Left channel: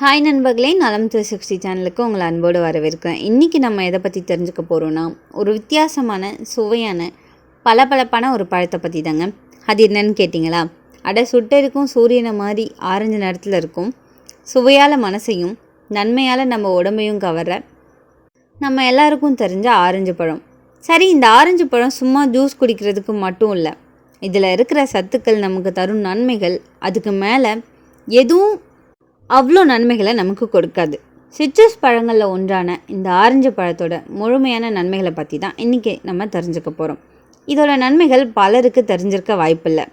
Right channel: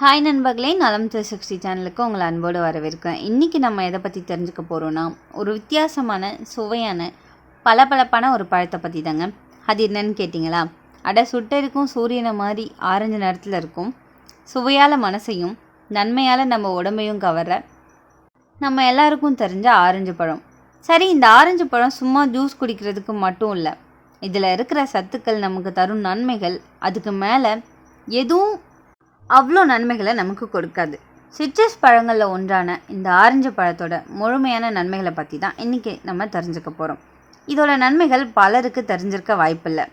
Hi நண்பர்களே, நலம் 360 சேனலுக்கு உங்களை அன்போடு வரவேற்கிறேன். இன்றைக்கி நம்ம எதை பற்றி தெரிஞ்சுக்க போகிறோன்னா, ஒரு வித்தியாசமான சுவையான பளபளப்பான ஒரு பழத்தை பற்றி தாங்க. அது என்னன்னு கேட்டிங்களா? சுட்டெடுக்கும் சூரியனை மாதிரி ஆரஞ்சு நிறத்தில் இருக்கும், சுவையால் மனசையும் நன்மையால் நம்ம உடம்பையும் கவர நம்ம எல்லாருக்கும் தெரிஞ்ச ஆரஞ்சு பழம். சரி, இந்த ஆரஞ்சு பழம் சும்மா ஜூஸ் குடிக்கிறதுக்கு மட்டும் இல்லை, இதில் இருக்கிற சத்துக்கள் நமக்கு தரும் நன்மைகள் அதுக்கு மேலே எதுவும் அவ்வளோ நன்மைகளை நமக்கு கொடுக்காது. சிட்ரஸ் பழங்களில் ஒன்றான இந்த ஆரஞ்சு பழத்தோட முழுமையான நன்மைகளை பற்றி தான் இன்றைக்கி நம்ம தெரிஞ்சுக்க போகிறோம். இதோட நன்மைகள் பலருக்கு தெரிஞ்சிருக்க வாய்ப்பில்லை.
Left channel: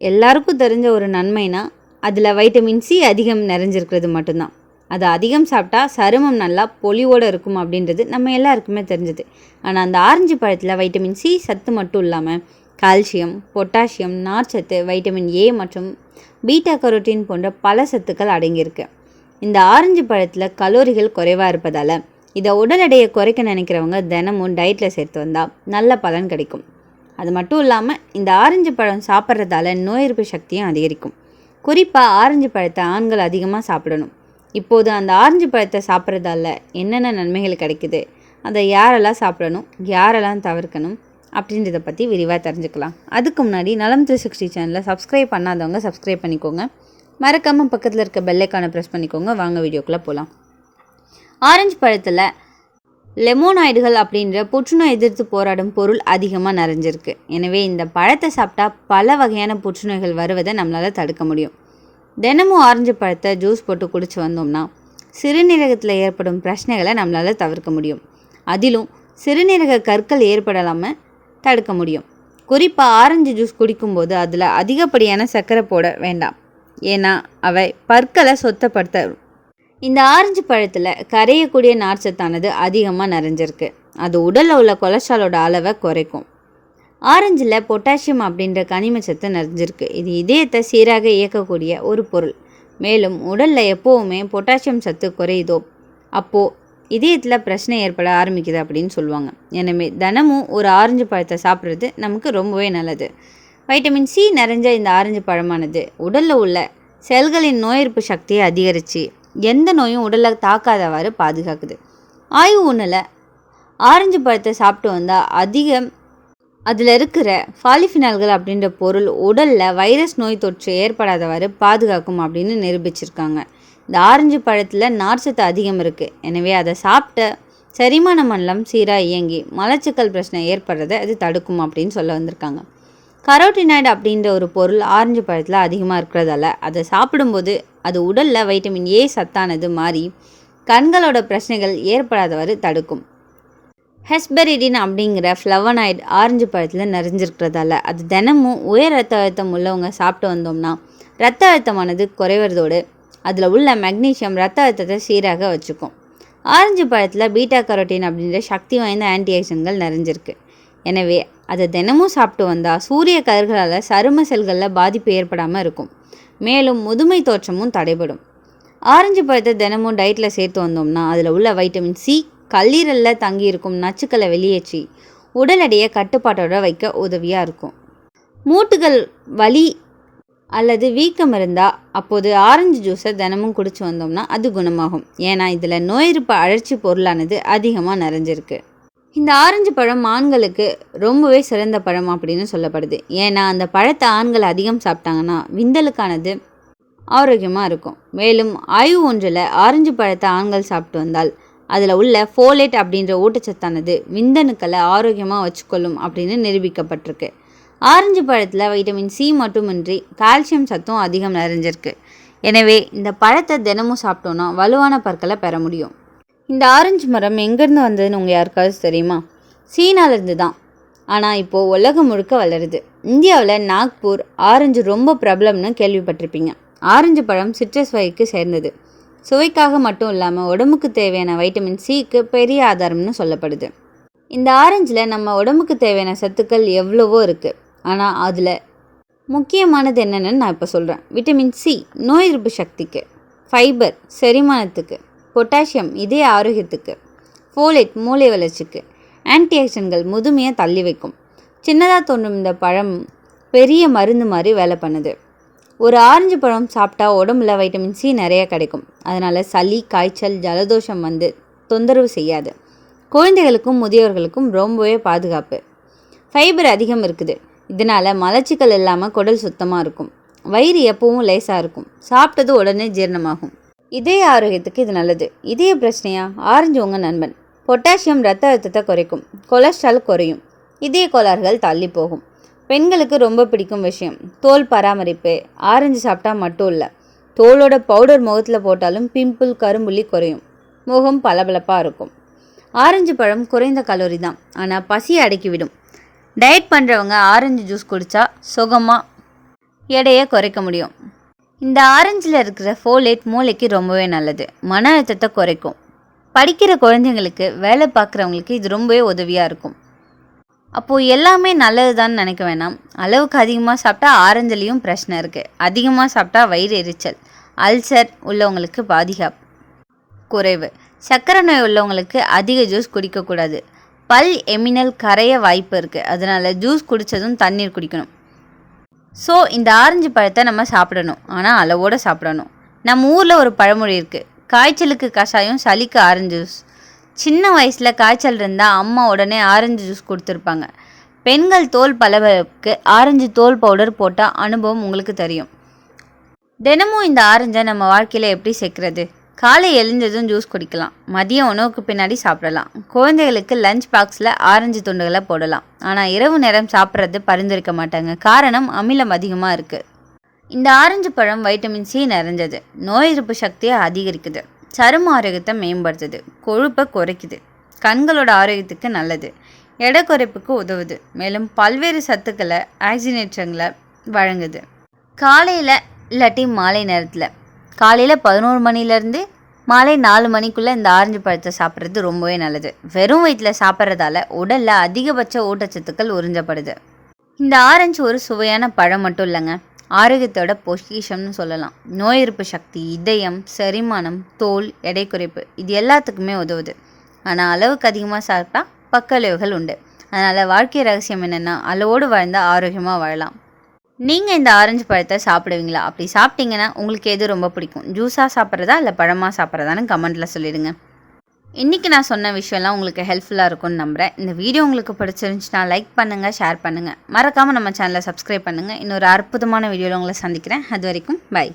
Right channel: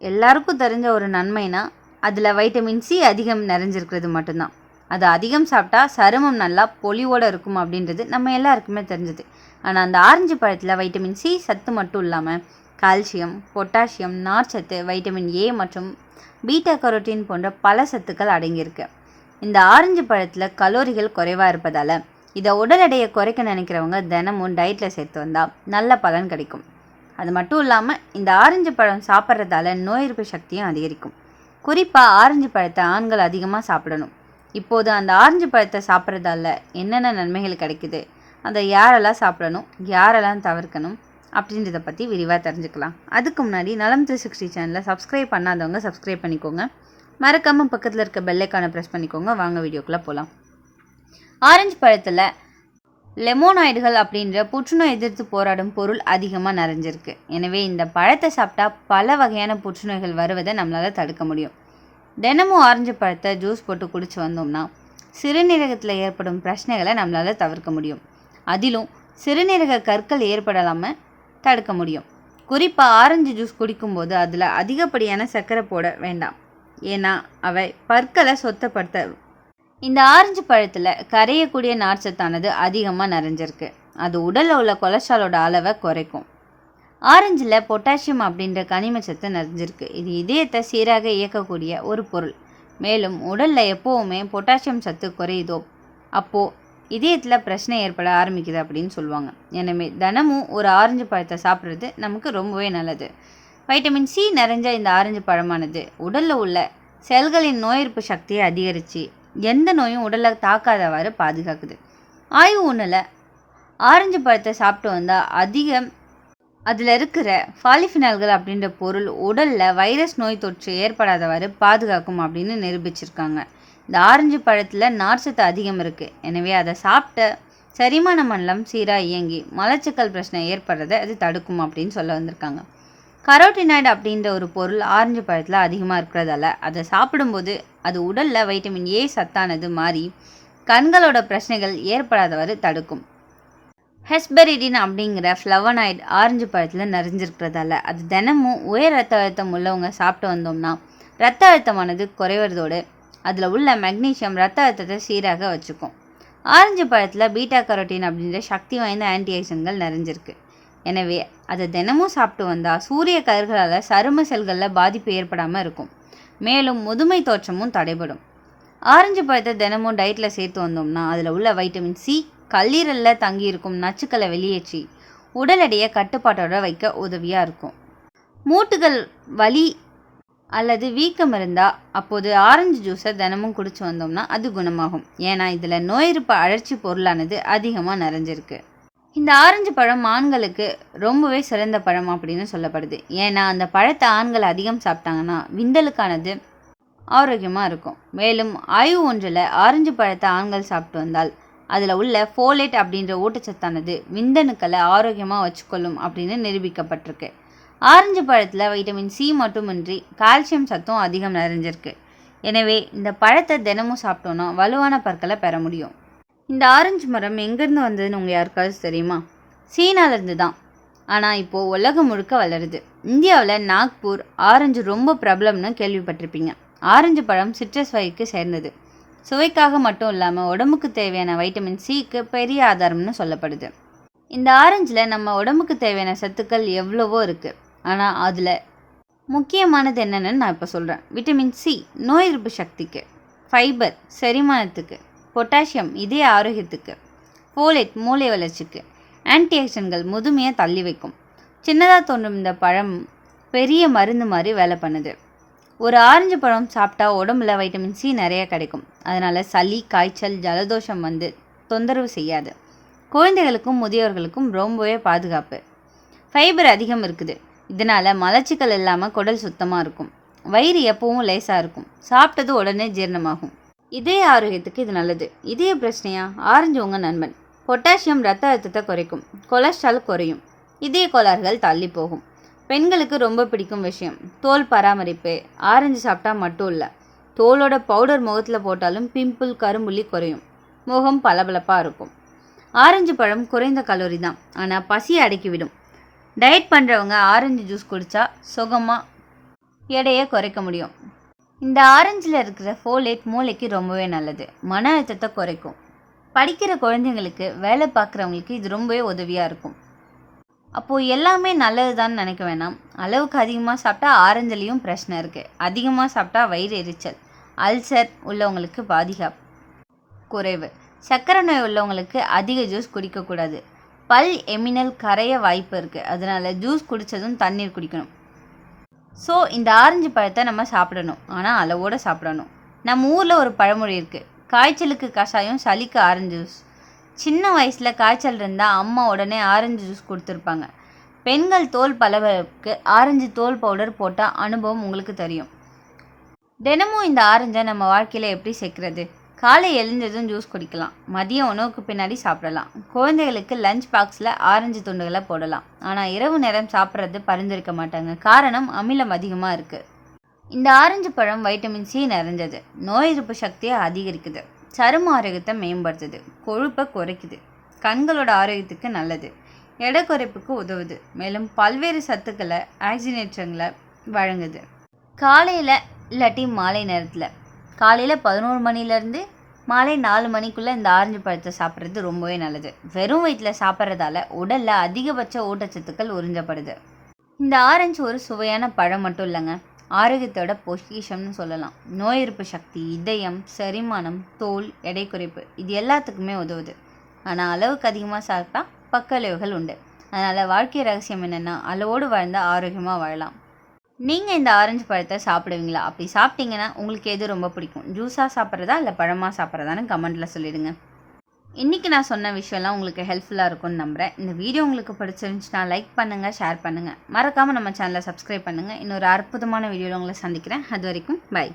எல்லாருக்கும் தெரிஞ்ச ஒரு நன்மைனா அதில் வைட்டமின் சி அதிகம் நிறைஞ்சிருக்கிறது மட்டும்தான். அது அதிகம் சாப்பிட்டா சருமம் நல்லா பொலிவோடு இருக்கும் அப்படின்றது நம்ம எல்லாருக்குமே தெரிஞ்சது. ஆனால் அந்த ஆரஞ்சு பழத்தில் வைட்டமின் சி சத்து மட்டும் இல்லாமல் கால்சியம், பொட்டாசியம், நார்ச்சத்து, வைட்டமின் ஏ மற்றும் பீட்டா கரோட்டின் போன்ற பல சத்துக்கள் அடங்கியிருக்கு. இந்த ஆரஞ்சு பழத்தில் கலோரிகள் குறைவாக இருப்பதால் இதை உடல் எடையை குறைக்க நினைக்கிறவங்க தினமும் டயட்டில் சேர்த்து வந்தால் நல்ல பலன் கிடைக்கும். அது மட்டும் இல்லாமல் இந்த ஆரஞ்சு பழம் சாப்பிட்றதால நோய் எதிர்ப்பு சக்தியும் அதிகரிக்கும். குறிப்பாக ஆரஞ்சு பழத்தை ஆண்கள் அதிகமாக சாப்பிடணும். இப்போது அந்த ஆரஞ்சு பழத்தை சாப்பிட்றதால என்னென்ன நன்மைகள் கிடைக்குது, அதை யாரெல்லாம் சாப்பிடணும், யாரெல்லாம் தவிர்க்கணும் அப்படின்றத பற்றி விரிவாக தெரிஞ்சுக்கலாம். அதுக்கு முன்னாடி நலம் 360 சேனலை சப்ஸ்கிரைப் பண்ணாதவங்க சப்ஸ்கிரைப் பண்ணிக்கோங்க. மறக்காமல் பக்கத்தில் இருக்க பெல்லைக்கானை ப்ரெஸ் பண்ணிக்கோங்க. வாங்க வீடியோக்குள்ளே போகலாம். ஆரஞ்சு பழத்தில் லெமோனாய்டுகள் அப்படின்ற புற்றுநோய் எதிர்த்து போராடும் பொருள் அதிகமாக நிறைஞ்சிருக்கு. எனவே இந்த பழத்தை சாப்பிட்டா பல வகையான புற்றுநோய்கள் வருவதை நம்மளால் தடுக்க முடியும். தினமும் ஆரஞ்சு பழத்தை ஜூஸ் போட்டு குடிச்சு வந்தோம்னா சிறுநீரகத்தில் ஏற்படும் பிரச்சனைகளை நம்மளால் தவிர்க்க முடியும். அதிலும் சிறுநீரக கற்கள் ஏற்படலாமல் தடுக்க முடியும். குறிப்பாக ஆரஞ்சு ஜூஸ் குடிக்கும்போது அதில் அதிகப்படியான சர்க்கரை போட வேண்டாம், ஏன்னா அவை பற்களை சொத்தப்படுத்த. இந்த ஆரஞ்சு பழத்தில் கரையக்கூடிய நார்ச்சத்தானது அதிகமாக நிறைஞ்சிருக்கு. அது உடலில் உள்ள கொலஸ்ட்ராலோட அளவை குறைக்கும். ஆரஞ்சில் பொட்டாசியம் அப்படின்ற கனிமச்சத்து நிறைஞ்சிருக்கு. இது இதயத்தை சீராக இயக்கக்கூடிய ஒரு பொருள். மேலும் உடலில் எப்போவுமே பொட்டாசியம் சத்து குறையுதோ அப்போது இதயத்தில் பிரச்சனை ஏற்பட ஆரம்பிக்குது அப்படின்னு சொல்லுவாங்க. எனவே தினமும் ஒரு ஆரஞ்சு பழத்தை சாப்பிட்றது நமக்கு ரொம்பவே நல்லது. வைட்டமின் சி நிறைஞ்ச இந்த ஆரஞ்சு பழமானது உடலில் உள்ள செல்களின் நோய் எதிர்ப்பு சக்தியை அதிகரித்து எந்த நோயும் உடலில் தாக்காதவாறு பாதுகாக்குது. ஆய்வு ஒன்றில் ஆரஞ்சு பழத்தை சாப்பிட்டு வந்தால் அதில் இருக்கிற பாலிஃபினால்கள் அப்படின்ற பொருள் உடலில் வைரஸ் நோய் தொற்று ஏற்படாதவாறு பாதுகாக்கும் அப்படின்னு நிரூபிச்சிருக்காங்க. இந்த ஆரஞ்சு பழத்தில் நார்ச்சத்து அதிகம் இருக்குது. எனவே அதை சாப்பிட்ட செரிமான மண்டலம் சீராக இயங்கி மலச்சிக்கல் பிரச்சனை ஏற்படுறதை அது தடுக்கும் அப்படின்னு சொல்ல வந்திருக்காங்க. கரோட்டினாய்டு அப்படின்ற ஒரு பொருள் ஆரஞ்சு பழத்தில் அதிகமாக இருக்கிறதால அதை சாப்பிடும்போது அது உடலில் வைட்டமின் ஏ சத்தானது மாறி கண்களோட பிரச்சனைகள் ஏற்படாதவாறு தடுக்கும். ஹெஸ்பெரிடின் அப்படிங்கிற ஃப்ளவனாய்டு ஆரஞ்சு பழத்தில் நிறைஞ்சிருக்கிறதால அது தினமும் உயர் ரத்த அழுத்தம் உள்ளவங்க சாப்பிட்டு வந்தோம்னா ரத்த அழுத்தமானது குறைவதோடு அதில் உள்ள மெக்னீஷியம் ரத்த அழுத்தத்தை சீராக வச்சுக்கும். ஆரஞ்சு பழத்தில் பீட்டா கரோட்டின் அப்படின்ற சக்தி வாய்ந்த ஆன்டிஆக்சிடன்ட்கள் நிறைஞ்சிருக்கு. எனவே அதை தினமும் சாப்பிட்டு வந்தால் சூரிய கதிர்களால் சரும செல்களில் பாதிப்பு ஏற்படாமல் இருக்கும். மேலும் முதுமை தோற்றமும் தடைபடும். ஆரஞ்சு பழத்தை தினமும் டயட்டில் சேர்த்து வந்தோம்னா அதில் உள்ள வைட்டமின் சி கல்லீரலில் தங்கியிருக்கும் நச்சுக்களை வெளியேற்றி உடல் எடையை கட்டுப்பாட்டோடு வைக்க உதவியாக இருக்கும். மூட்டுகள் வலி அல்லது வீக்கம் இருந்தால் அப்போது ஆரஞ்சு ஜூஸை தினமும் குடிச்சு வந்தோம்னா அது குணமாகும். ஏன்னா இதில் நோய் எதிர்ப்பு அழற்சி பொருளானது அதிகமாக நிறைஞ்சிருக்கு. இந்த ஆரஞ்சு பழம் ஆண்களுக்கு ரொம்பவே சிறந்த பழம் அப்படின்னு சொல்லப்படுது. ஏன்னா அந்த பழத்தை ஆண்கள் அதிகம் சாப்பிட்டாங்கன்னா விந்தலுக்கானது ஆரோக்கியமாக இருக்கும். மேலும் ஆய்வு ஒன்றில் ஆரஞ்சு பழத்தை ஆண்கள் சாப்பிட்டு வந்தால் அதில் உள்ள ஃபோலேட் அப்படின்ற ஊட்டச்சத்தானது விந்தணுக்களை ஆரோக்கியமாக வச்சுக்கொள்ளும் அப்படின்னு நிரூபிக்கப்பட்டிருக்கு. ஆரஞ்சு பழத்தில் வைட்டமின் சி மட்டுமின்றி கால்சியம் சத்தும் அதிகம் நிறைஞ்சிருக்கு. எனவே இந்த பழத்தை தினமும் சாப்பிட்டோன்னா வலுவான பற்களை பெற முடியும். இந்த ஆரஞ்சு மரம் எங்கேருந்து வந்ததுன்னு உங்கள் யாருக்காவது தெரியுமா? சீனாவிலேருந்து தான். ஆனால் இப்போது உலகம் முழுக்க வளருது. இந்தியாவில் நாக்பூர் ஆரஞ்சு ரொம்ப பிரபலம்னு கேள்விப்பட்டிருப்பீங்க. ஆரஞ்சு பழம் சிட்ரஸ் வகைக்கு சேர்ந்தது. சுவைக்காக மட்டும் இல்லாமல் உடம்புக்கு தேவையான வைட்டமின் சிக்கு பெரிய ஆதாரம்னு சொல்லப்படுது. இந்த ஆரஞ்சில் நம்ம உடம்புக்கு தேவையான சத்துக்கள் எவ்வளவோ இருக்குது. ஆனால் அதில் முக்கியமானது என்னென்னு நான் இப்போ சொல்கிறேன். விட்டமின் சி நோய் எதிர்ப்பு சக்திக்கு, ஃபைபர் செரிமானத்துக்கு, பொட்டாசியம் இதய ஆரோக்கியத்துக்கு, ஃபோலேட் மூளை வளர்ச்சிக்கு, ஆன்டிஆக்சிடன்ட்கள் முதுமையை தள்ளி வைக்கும். சின்னதாக தோன்றும் இந்த பழம் பெரிய மருந்து மாதிரி வேலை பண்ணுது. ஒரு ஆரஞ்சு பழம் சாப்பிட்டா உடம்புல வைட்டமின் சி நிறைய கிடைக்கும். அதனால் சளி, காய்ச்சல், ஜலதோஷம் வந்து தொந்தரவு செய்யாது. குழந்தைகளுக்கும் முதியோர்களுக்கும் ரொம்பவே பாதுகாப்பு. ஃபைபர் அதிகம் இருக்குது. இதனால் மலச்சிக்கல் இல்லாமல் குடல் சுத்தமாக இருக்கும். வயிறு எப்பவும் லேசாக இருக்கும். சாப்பிட்டது உடனே ஜீரணமாகும். இதய ஆரோக்கியத்துக்கு இது நல்லது. இதய பிரச்சனையா? ஆரஞ்சு உங்கள் நண்பன். பொட்டாசியம் ரத்த அழுத்தத்தை குறைக்கும். கொலஸ்ட்ரால் குறையும். இதய கோளாறுகள் தள்ளி போகும். பெண்களுக்கு ரொம்ப பிடிக்கும் விஷயம் தோல் பராமரிப்பு. ஆரஞ்சு சாப்பிட்டா மட்டும் இல்லை, தோலோட பவுடர் முகத்தில் போட்டாலும் பிம்பிள், கரும்புள்ளி குறையும். முகம் பளபளப்பாக இருக்கும். ஆரஞ்சு பழம் குறைந்த கலோரி தான், ஆனால் பசியை அடக்கிவிடும். டயட் பண்ணுறவங்க ஆரஞ்சு ஜூஸ் குடித்தா சுகமாக எடையை குறைக்க முடியும். இந்த ஆரஞ்சில் இருக்கிற ஃபோலேட் மூளைக்கு ரொம்பவே நல்லது. மன அழுத்தத்தை குறைக்கும். படிக்கிற குழந்தைங்களுக்கு, வேலை பார்க்குறவங்களுக்கு இது ரொம்பவே உதவியாக இருக்கும். அப்போது எல்லாமே நல்லது தான் நினைக்க வேணாம். அளவுக்கு அதிகமாக சாப்பிட்டா ஆரஞ்சுலேயும் பிரச்சனை இருக்குது. அதிகமாக சாப்பிட்டா வயிறு எரிச்சல், அல்சர் உள்ளவங்களுக்கு பாதுகாப்பு குறைவு. சர்க்கரை நோய் உள்ளவங்களுக்கு அதிக ஜூஸ் குடிக்கக்கூடாது. பல் எமினல் கரைய வாய்ப்பு இருக்குது. அதனால் ஜூஸ் குடித்ததும் தண்ணீர் குடிக்கணும். ஸோ இந்த ஆரஞ்சு பழத்தை நம்ம சாப்பிடணும், ஆனால் அளவோடு சாப்பிடணும். நம்ம ஊரில் ஒரு பழமொழி இருக்குது, காய்ச்சலுக்கு கஷாயம், சளிக்கு ஆரஞ்சு ஜூஸ். சின்ன வயசில் காய்ச்சல் இருந்தால் அம்மா உடனே ஆரஞ்சு ஜூஸ் கொடுத்துருப்பாங்க. பெண்கள் தோல் பளபளப்புக்கு ஆரஞ்சு தோல் பவுடர் போட்டால் அனுபவம் உங்களுக்கு தெரியும். தினமும் இந்த ஆரஞ்சை நம்ம வாழ்க்கையில் எப்படி சேர்க்குறது? காலை எழுந்ததும் ஜூஸ் குடிக்கலாம். மதிய உணவுக்கு பின்னாடி சாப்பிடலாம். குழந்தைகளுக்கு லஞ்ச் பாக்ஸில் ஆரஞ்சு துண்டுகளை போடலாம். ஆனால் இரவு நேரம் சாப்பிட்றது பரிந்துரைக்க மாட்டாங்க. காரணம் அமிலம் அதிகமாக இருக்குது. இந்த ஆரஞ்சு பழம் வைட்டமின் சி நிறைஞ்சது. நோய் எதிர்ப்பு சக்தியை அதிகரிக்குது. சரும ஆரோக்கியத்தை மேம்படுத்துது. கொழுப்பை குறைக்குது. கண்களோட ஆரோக்கியத்துக்கு நல்லது. எடை குறைப்புக்கு உதவுது. மேலும் பல்வேறு சத்துக்களை, ஆக்சிஜனேற்றங்களை வழங்குது. காலையில் இல்லாட்டி மாலை நேரத்தில், காலையில் 11 மணிலேருந்து மாலை 4 மணிக்குள்ளே இந்த ஆரஞ்சு பழத்தை சாப்பிட்றது ரொம்பவே நல்லது. வெறும் வயிற்றில் சாப்பிட்றதால உடலில் அதிகபட்ச ஊட்டச்சத்துக்கள் உறிஞ்சப்படுது. இந்த ஆரஞ்சு ஒரு சுவையான பழம் மட்டும் இல்லைங்க, ஆரோக்கியத்தோட பொக்கிஷம்னு சொல்லலாம். நோய் எதிர்ப்பு சக்தி, இதயம், செரிமானம், தோல், எடை குறைப்பு இது எல்லாத்துக்குமே உதவுது. ஆனால் அளவுக்கு அதிகமாக சாப்பிட்டா பக்க விளைவுகள் உண்டு. அதனால் வாழ்க்கை ரகசியம் என்னென்னா, அளவோடு வாழ்ந்தால் ஆரோக்கியமாக வாழலாம். நீங்கள் இந்த ஆரஞ்சு பழத்தை சாப்பிடுவீங்களா? அப்படி சாப்பிட்டீங்கன்னா உங்களுக்கு எது ரொம்ப பிடிக்கும்? ஜூஸாக சாப்பிட்றதா இல்லை பழமாக சாப்பிட்றதான்னு கமெண்ட்டில் சொல்லிடுங்க. இன்றைக்கி நான் சொன்ன விஷயம்லாம் உங்களுக்கு ஹெல்ப்ஃபுல்லாக இருக்கும்னு நம்புகிறேன். இந்த வீடியோ உங்களுக்கு பிடிச்சிருந்துச்சுன்னா லைக் பண்ணுங்கள், ஷேர் பண்ணுங்கள். மறக்காமல் நம்ம சேனலை சப்ஸ்கிரைப் பண்ணுங்கள். இன்னொரு அற்புதமான வீடியோவில் உங்களை சந்திக்கிறேன். அது வரைக்கும் பை.